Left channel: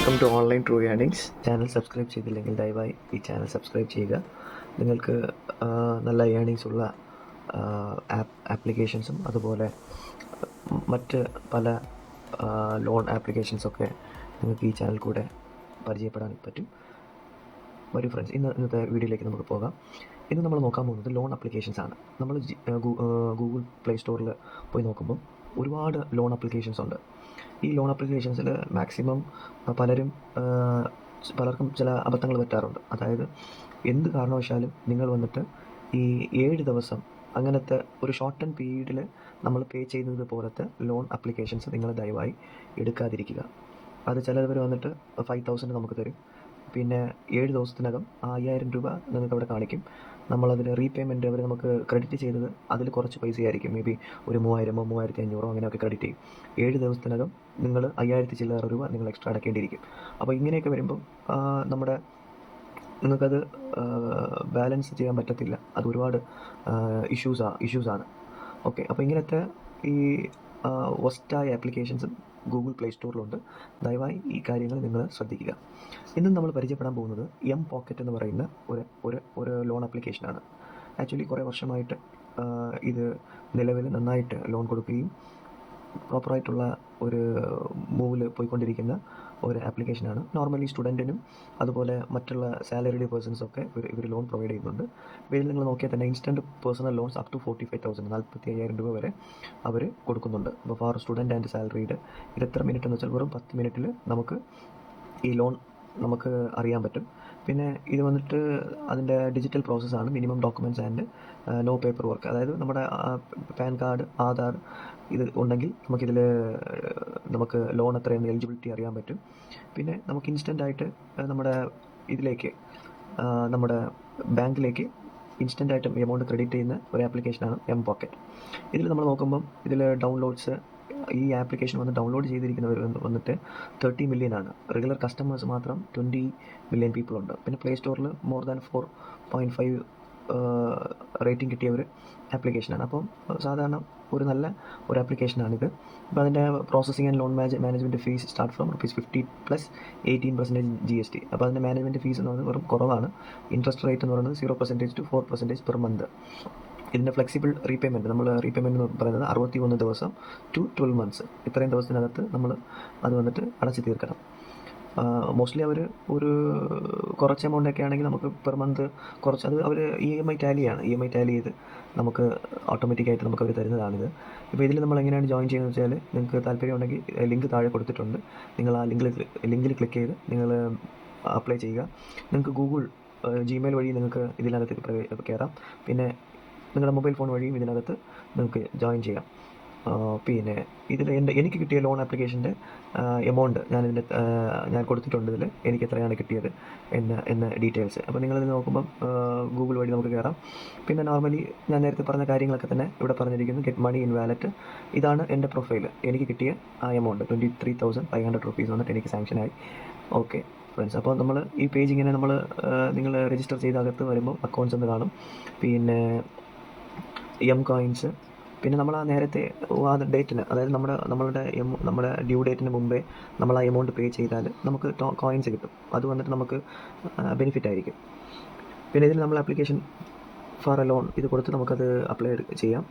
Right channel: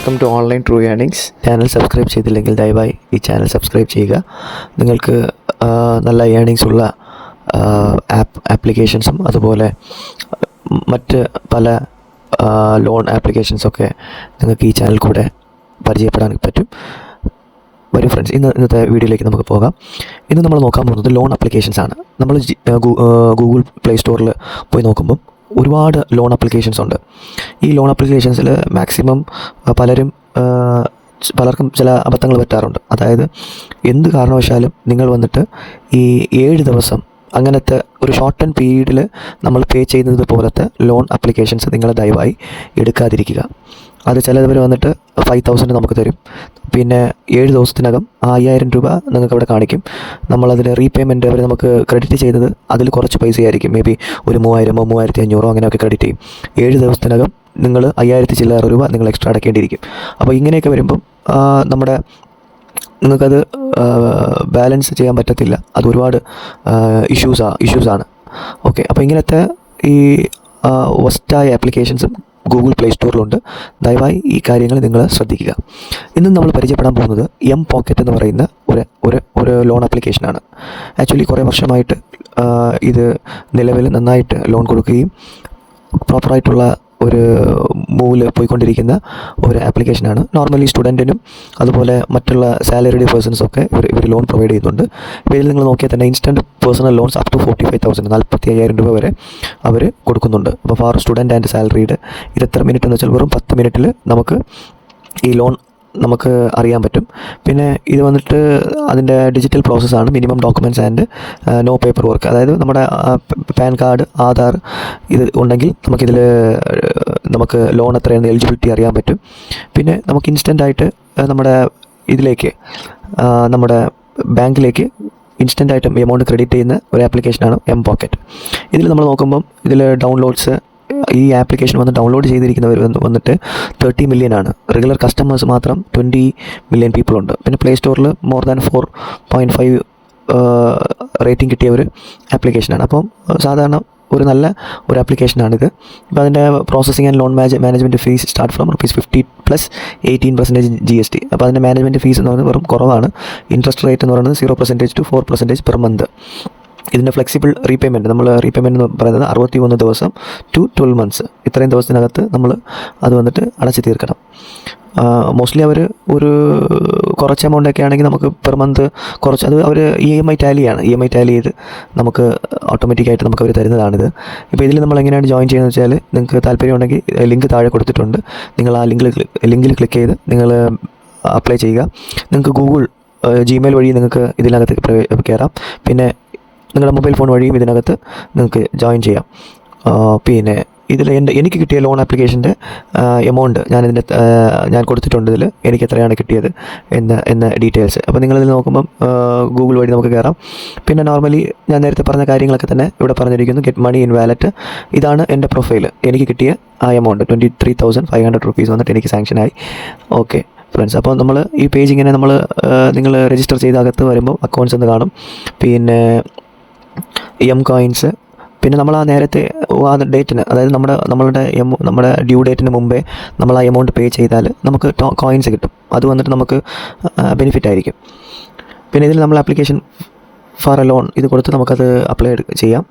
Welcome to online true earnings channel subscribe ചെയ്തില്ലെങ്കിൽ ദയവായി ഈ ചാനൽ സബ്സ്ക്രൈബ് ചെയ്യുക. നിങ്ങൾക്ക് നല്ല ഏണിങ്സ് ഉള്ള ആപ്പ് ആപ്ലിക്കേഷൻസും അതുപോലെ മറ്റ് പല ലോൺ ആപ്ലിക്കേഷൻസൊക്കെ നിങ്ങൾക്ക് ഈ ചാനൽ കൂടെ പരിചയപ്പെടാൻ പറ്റും. വരും ഫ്രണ്ട്സ് ഇന്ന് ഇന്നത്തെ വീഡിയോയിലേക്ക് നമുക്ക് പോകാം. ഇന്ന് നമ്മൾ നോക്കാൻ പോകുന്നത് ലോൺ ആപ്ലിക്കേഷൻസ് ആണ്. നമ്മൾ ഗൂഗിൾ പ്ലേ സ്റ്റോറിൽ പോയി നോക്കുമ്പം ഒരുപാട് ലോൺ ആപ്ലിക്കേഷൻസ് ഉണ്ട്. ഈ ലോൺ ആപ്ലിക്കേഷൻസിൽ മാക്സിമം പലരും പലർക്കും ചില അബദ്ധങ്ങൾ പറ്റാറുണ്ട്. അതായത് എന്ത് കാരണവശാലും നിങ്ങൾ വന്നിട്ട് ഈ ഏഴ് ദിവസം അങ്ങനത്തെ ഒരു ഷോർട്ട് ആൻഡ് പീരീഡിൽ നമ്മൾ പേ ചെയ്യുന്നത് പോലത്തെ ലോൺ ആപ്ലിക്കേഷൻസ് നിങ്ങൾ ദയവായി എടുക്കാതിരിക്കുക. അത് ചിലവർ വന്നിട്ട് ഫൈവ് തൗസൻഡ് നമുക്ക് തരും. പിന്നെ ഏഴ് ദിവസത്തിനകം ആ അയ്യായിരം രൂപ നിങ്ങൾക്ക് അവിടെ കാണിക്കും. നമ്മളതിൽ റീപേയ്മെന്റ് അവർ നമുക്ക് ക്രെഡിറ്റ് ചെയ്തത് അതിൽ കുറച്ച് പൈസയായിരിക്കും. മേ ബി ഒരു മൂവായിരമോ മൂവായിരത്തി അഞ്ഞൂറോ അങ്ങനെയൊക്കെ ക്രെഡിറ്റ് ചെയ്യും. ഏഴ് ദിവസത്തിനകം നിങ്ങൾ അയ്യായിരത്തി ചില്ലറ രൂപ നിങ്ങൾ എക്സ്ട്രാ അടക്കേണ്ടിയിരിക്കും. അപ്പോൾ ഇങ്ങനെയൊക്കെ വരുമ്പം നമ്മുടെ നിങ്ങൾക്കത് ബാലൻസ് ചെയ്യാൻ പറ്റത്തില്ല. അത് ഒരുപാട് ഇഷ്യൂസാ ഇഷ്യൂസാണ് ഓക്കെ അപ്പോൾ ഇങ്ങനത്തെ ഈ വസ്റ്റായ ആപ്ലിക്കേഷൻസും ഗൂഗിൾ പ്ലേ സ്റ്റോറിലുണ്ട് ദയവായി ഈ കാര്യങ്ങൾ നിങ്ങൾ ശ്രദ്ധിക്കുക. ഇന്ന് നമ്മൾ പരിചയപ്പെടാൻ പോകുന്നത് എം പോക്കറ്റ് എന്ന് പറയുന്ന ഒരു ഒരു ഒരു ലോൺ ആപ്ലിക്കേഷനാണ് ആക്ച്വലി കുറേ വർഷമായിട്ട് ഇത് നിലവിൽ നന്നായിട്ട് ലോൺ കൊടുക്കുകയും പ്രോപ്പറായിട്ടുള്ള ഒരു മൂവിൽ പോയിക്കൊണ്ടിരിക്കുന്ന ഒരു ആപ്ലിക്കേഷനാണ് നോർമലി സ്റ്റുഡന്റിനും അതുപോലെ മറ്റുള്ള സാലറിഡ് പേഴ്സൺസൊക്കെ ഇവർ ഇവർ ലോൺ പ്രൊവൈഡ് ചെയ്യുന്നുണ്ട്. ഇപ്പോൾ ഇതിൽ നിങ്ങൾ നോക്കിയാൽ തന്നെ instant personal loans up to forty five thousand നാൽപ്പത്തി അയ്യായിരം രൂപ വരെ അവർ കൊടുക്കുന്നുണ്ട്. അപ്പോൾ ഫോർ സ്റ്റുഡന്റ് ആൻഡ് സാലറീഡ് ഇത് എത്ര മിനിറ്റ് എന്ന് വെച്ചാൽ വെറും പത്ത് മിനിറ്റിൽ നമുക്ക് ഈ ലോൺ നമുക്ക് അറിയാൻ പറ്റും. പിന്നെ ഇത് വന്നിട്ട് അതിന്റെ ഡിജിറ്റൽ പ്രോസസ്സാണ് minimum documents and no paper work അതായത് നമ്മുടെ പാൻ കാർഡ് ആധാർ ഇത് ഉണ്ടെങ്കിൽ നമുക്കിതിൽ നമുക്ക് ലോൺ എത്രയാണ് എലിജിബിലിറ്റി അറിയാൻ പറ്റും. പിന്നെ നമുക്ക് ഇൻസ്റ്റന്റ് ആയിട്ട് നമ്മുടെ ഇതിലേക്ക് നമ്മുടെ ബാങ്കിലേക്ക് ഇൻസ്റ്റന്റ് ആയിട്ട് എമൗണ്ട് ക്രെഡിറ്റ് ചെയ്യുന്ന ഒരു ആപ്ലിക്കേഷനാണ് എം പോക്കറ്റ് ഇതിൽ നമ്മൾ നോക്കുമ്പം ഇതിൽ ഡൗൺലോഡ്സ് ഈ ആപ്ലിക്കേഷൻ വന്ന് ഡൗൺലോഡ് ചെയ്തിരിക്കുന്നവർ വന്നിട്ട് തേർട്ടി മില്യൺ ആണ്. റെഗുലർ കസ്റ്റമേഴ്സ് മാത്രം ട്വന്റി മില്യൺ പീപ്പിൾ ഉണ്ട്. പിന്നെ പ്ലേ സ്റ്റോറിൽ more than four point five rating കിട്ടിയ ഒരു ആപ്ലിക്കേഷനാണ് അപ്പം സാധാരണ ഒരു നല്ല ഒരു ആപ്ലിക്കേഷനാണിത് ഇപ്പോൾ അതിന്റെ processing and loan manage management fees start from rupees fifty plus eighteen percentage G S T അപ്പോൾ അതിന്റെ മാനേജ്മെന്റ് ഫീസ് എന്ന് പറയുന്നത് വെറും കുറവാണ്. ഇൻട്രസ്റ്റ് റേറ്റ് എന്ന് പറയുന്നത് zero percentage to four percentage per month ഇതിന്റെ ഫ്ലെക്സിബിൾ റീപേയ്മെന്റ് നമ്മൾ റീപേയ്മെന്റ് എന്ന് പറയുന്നത് അറുപത്തി ഒന്ന് ദിവസം ടു ട്വൽവ് മന്ത്സ് ഇത്രയും ദിവസത്തിനകത്ത് നമ്മൾ അത് വന്നിട്ട് അടച്ചു തീർക്കണം. മോസ്റ്റ്ലി അവർ ഒരു കുറച്ച് എമൗണ്ടൊക്കെ ആണെങ്കിൽ നമുക്ക് പെർ മന്ത് കുറച്ച് അത് അവർ ഇ എം ഐ ടാലിയാണ് ഇ എം ഐ ടാലി ചെയ്ത് നമുക്ക് ഓട്ടോമാറ്റിക്കായിട്ട് നമുക്ക് അവർ തരുന്നതാണിത്. ഇപ്പോൾ ഇതിൽ നമ്മൾ എങ്ങനെയാണ് ജോയിൻ ചെയ്യുന്നത് വെച്ചാൽ നിങ്ങൾക്ക് താല്പര്യം ഉണ്ടെങ്കിൽ ലിങ്ക് താഴെ കൊടുത്തിട്ടുണ്ട്. നിങ്ങൾ ആ ലിങ്കിൽ ലിങ്കിൽ ക്ലിക്ക് ചെയ്ത് നിങ്ങൾ അപ്ലൈ ചെയ്യുക. നിങ്ങൾക്ക് ഗൂഗിൾ ജിമെയിൽ വഴി നിങ്ങൾക്ക് ഇതിനകത്ത് കയറാം. പിന്നെ നിങ്ങളുടെ മൊബൈൽ ഫോൺ വഴിയും ഇതിനകത്ത് നിങ്ങൾക്ക് ജോയിൻ ചെയ്യാം. പിന്നെ ഇതിൽ എന്റെ എനിക്ക് കിട്ടിയ ലോൺ ആപ്ലിക്കേഷന്റെ എമൗണ്ട് ഞാനിതിന്റെ ഞാൻ കൊടുത്തിട്ടുണ്ട് ഇതിൽ എനിക്ക് എത്രയാണ് കിട്ടിയത് എന്ന എന്ന ഡീറ്റെയിൽസ്. അപ്പോൾ നിങ്ങളിതിൽ നോക്കുമ്പം ഗൂഗിൾ വഴി നമുക്ക് കയറാം പിന്നെ നോർമലി ഞാൻ നേരത്തെ പറഞ്ഞ കാര്യങ്ങളൊക്കെ തന്നെ ഇവിടെ പറഞ്ഞിരിക്കുന്നു. Get money in wallet. ഇതാണ് എന്റെ പ്രൊഫൈൽ എനിക്ക് കിട്ടിയ ആ amount. Twenty three thousand five hundred rupees വന്നിട്ട് എനിക്ക് സാങ്ഷനായി. Okay friends. അപ്പോൾ നമ്മൾ ഈ പേജ് ഇങ്ങനെ നമ്മൾ നിങ്ങൾ രജിസ്റ്റർ ചെയ്ത് അകത്ത് വരുമ്പോൾ അക്കൗണ്ട്സ് എന്ന് കാണും. പിന്നെ എം കോയിൻസ് പിന്നെ നമ്മൾ ആ നേരത്തെ ആ ഡേറ്റിന് അതായത് നമ്മുടെ നമ്മളുടെ എം നമ്മുടെ ഡ്യൂ ഡേറ്റിന് മുമ്പേ നമ്മൾ ആ എമൗണ്ട് പേ ചെയ്താൽ നമുക്ക് കോയിൻസ് കിട്ടും. അത് വന്നിട്ട് നമുക്ക് ബെനിഫിറ്റ് ആയിരിക്കും. പിന്നെ ഇതിൽ നമ്മൾ ആപ്ലിക്കേഷൻ ഫോർ എ ലോൺ ഇത് കൊടുത്ത് നമുക്കത് അപ്ലൈ ചെയ്യാം.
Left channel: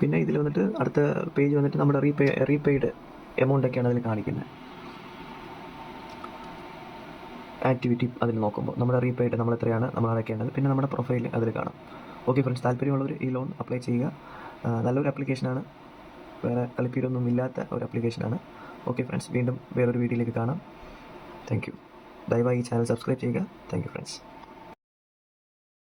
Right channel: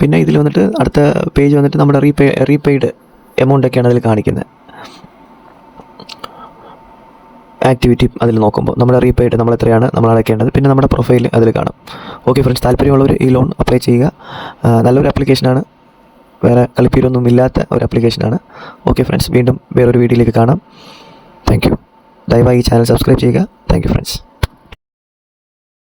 പിന്നെ ഇതിൽ വന്നിട്ട് അടുത്ത പേജ് വന്നിട്ട് നമ്മുടെ റീപേ റീപെയ്ഡ് എമൗണ്ട് ഒക്കെയാണ് അതിൽ കാണിക്കുന്നത്. ആക്ടിവിറ്റി അതിൽ നോക്കുമ്പോൾ നമ്മുടെ റീപെയ്ഡ് നമ്മൾ എത്രയാണ് നമ്മൾ അടയ്ക്കേണ്ടത് പിന്നെ നമ്മുടെ പ്രൊഫൈൽ അതിൽ കാണും. ഓക്കെ ഫ്രണ്ട്സ് താല്പര്യമുള്ളവർ ഈ ലോൺ അപ്ലൈ ചെയ്യുക. നല്ലൊരു ആപ്ലിക്കേഷനാണ് വേറെ കളിപ്പീരൊന്നും ഇല്ലാത്ത ഒരു ആപ്ലിക്കേഷനാണ് ഓക്കെ ഫ്രണ്ട്സ് വീണ്ടും വേറൊരു വീഡിയോയിലേക്ക് കാണാം. താങ്ക് യു ദയവായി ഈ ചാനൽ സബ്സ്ക്രൈബ് ചെയ്യുക. Thank you friends